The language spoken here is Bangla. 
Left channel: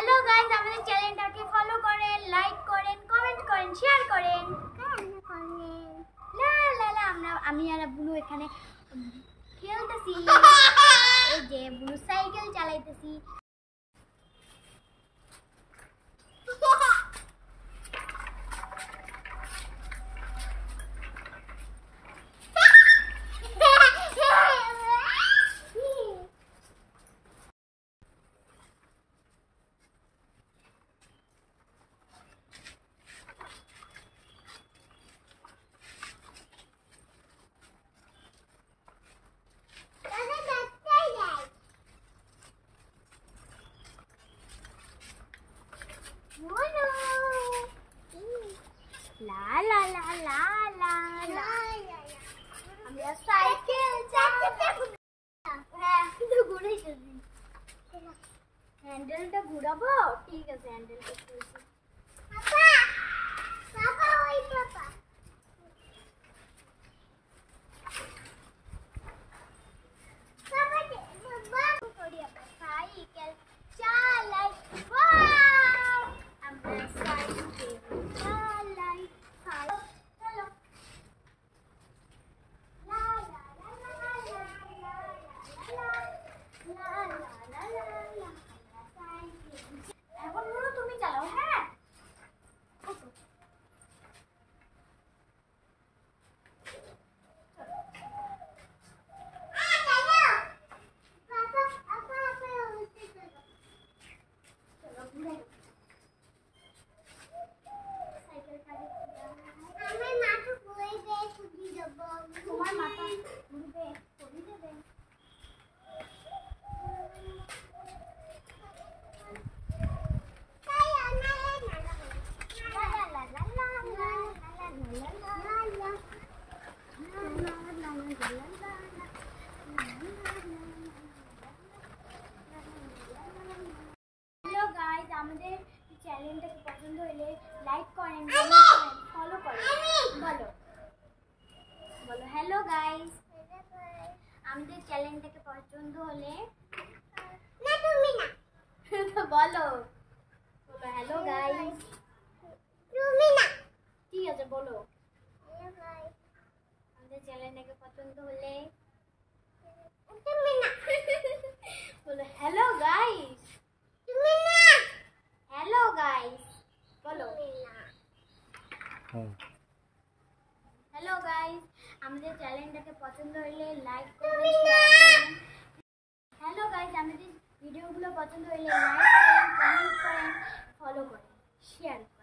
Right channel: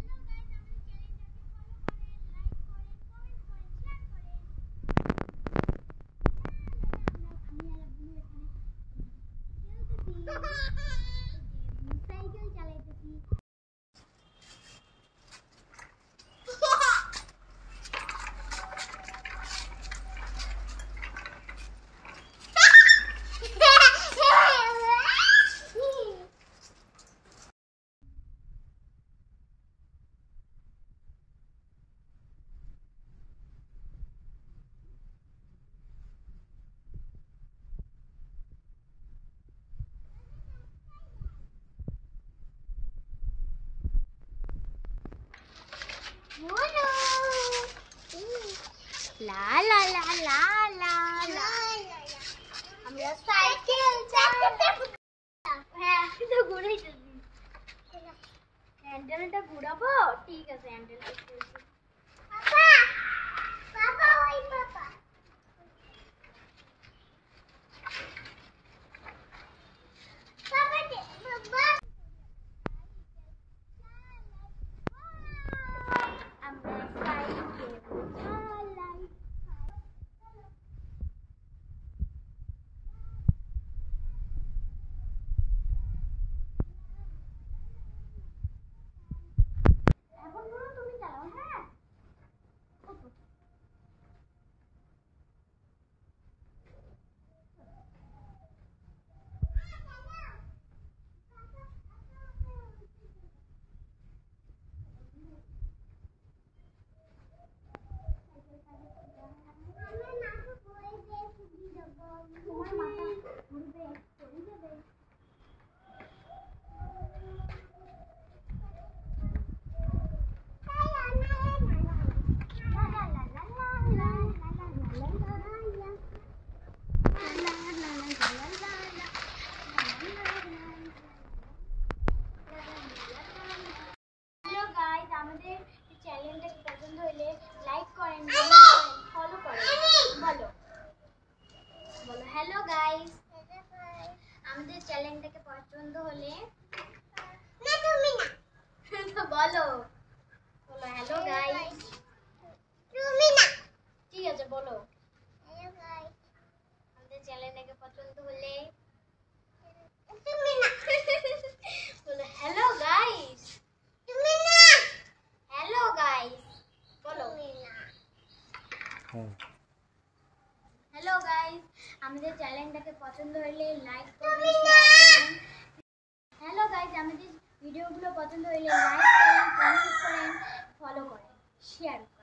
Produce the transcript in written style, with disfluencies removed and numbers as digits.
হ্যালো গাইস, আমাদের চ্যানেলটাকে ফলো করেন, লাইক করেন, কমেন্ট করেন, শেয়ার করেন। লা লা লা আমি আর বুলু এখানে খেলতেছি। এই যে বুলু সাইকেল চালাইতেছি। লা লা লা লা লা লা আমরা সাইকেল চালাবো। হ্যাঁ, তো ঘুরাইতেছি। হ্যান্ডেলটা ঘুরাবো? ঠিক আছে, হ্যান্ডেলটা ঘুরাইছি। পাপা পাপা ওই পাপা পাপা দে বাবা করি আমরা সাইকেল চালাই। ওয়াও, আমরা সাইকেল চালাই। চলো লা লা লা লা লা লা লা লা লা। এখন বলো তুমি চালাও। হ্যাঁ, তোমার মাথা ঘুরবে, পড়ে যাবে। হ্যালো গাইস, আমাদের চ্যানেলটাকে পছন্দ হলে লাইক করেন, ফলো করেন। বলো বলো হ্যালো গাইস, আমাদের চ্যানেলটাকে পছন্দ হলে না তুমি না বলো বলো হ্যালো গাইস। তুমি না, ঠিক আছে বলো হ্যালো গাইস, আমাদের চ্যানেলটাকে পছন্দ হলে তুমি না বলো হ্যালো গাইস। তুমি না, হ্যালো গাইস বলো। তুমি না, হ্যালো গাইস, আমাদের চ্যানেলটাকে পছন্দ হলে লাইক করবেন, শেয়ার করবেন। হ্যালো গাইস, আমাদের ভিডিওগুলো পছন্দ হলে লাইক করেন, কমেন্ট করেন, ফলো করেন, শেয়ার করেন।